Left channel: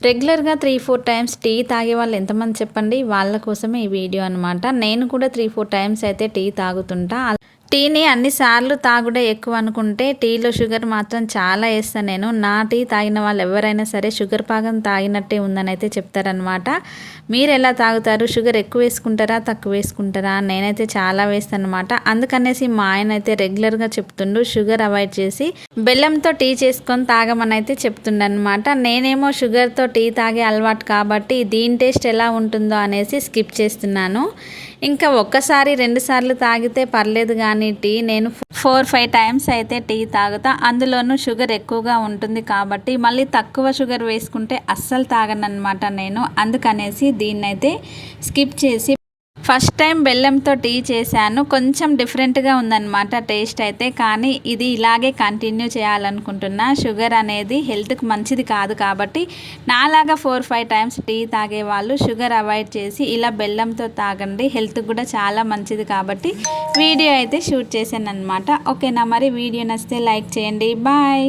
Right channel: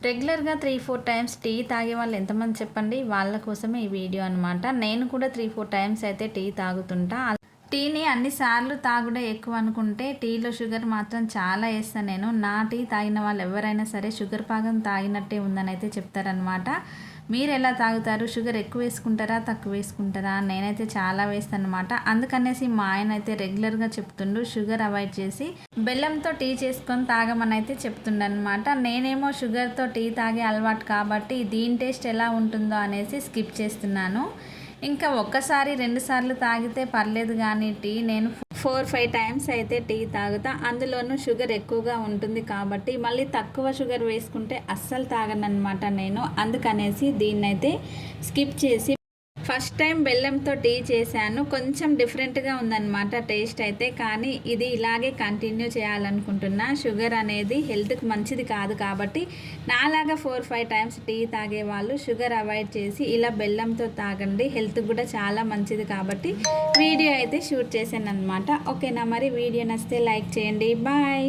రెగ్యులర్‌గా 3, 4 times tea తాగే వాళ్ళు ఎంతమంది చెప్పండి? వాళ్ళ కోసమే ఈ వీడియో అనమాట. నేను కూడా 3, 4 టైమ్స్ అయితే టీ తాగుతుంటా. టీని అన్ని సార్లు తాగుడే ఎక్కువ అనుకుంటే టీలో షుగర్ మాత్రం చాలా ఏస్తా నేను. నా టీ తాగిన వాళ్ళు ఎవరైనా సరే షుగర్ పాకం తాగినట్టే ఉందని అయితే చెప్తారనమాట. మీరెలా తాగుతారు? షుగర్ ఎక్కువ వేసుకుంటారా? తక్కువ వేసుకుంటారా? నేనైతే చాలా వేస్తానమాట. అందుకనేసి మా ఆయన అయితే రెగ్యులర్‌గా చెప్తుండు షుగర్ అవాయిడ్ చేసి బెల్లంతో టీ చేసుకొని తాగమని అయితే చెప్తుండనమాట. నేనేమో షుగర్‌తో టీ తాగే అలవాటు కాబట్టి దీని టేస్ట్ ఎలా ఉంటుందో అనేసి స్కిప్ చేస్తున్నాను. ఇంకా ఒక్కసారి 2 సార్లు తాగితే పర్లేదు కానీ టీ నేను 4, 5 టైమ్స్ అయితే టీ తాగుతా. అందులోనూ షుగర్ ఎక్కువగా ఉంటుంది కాబట్టి మళ్ళీ తక్కువ షుగర్ వేసుకుంటే అస్సలు తాగననమాట నేను. అందుకనేసి దీన్నైతే స్కిప్ చేసి ఫస్ట్ టైం బెల్లంతో టీ చేశాను. కొంచెం డిఫరెంట్‌గా ఉందన్నమాట టేస్ట్ అయితే. కానీ ఇది ఇలాగే కంటిన్యూ చేయాలనుకుంటున్నా. షుగర్ అనేది హెల్త్‌కి మంచిది కాదు కాబట్టి నాలాగా 4, 5 టైమ్స్ టీ తాగేవాళ్ళు షుగర్ అవాయిడ్ చేసి ఇలా బెల్లంతో తాగండి. హెల్త్‌కి కూడా చాలా మంచిది కాబట్టి వీడియో అయితే షూట్ చేశానన్నమాట. ఓకేనా మరి వీడియో నచ్చితే లైక్ చేయండి. బాయ్.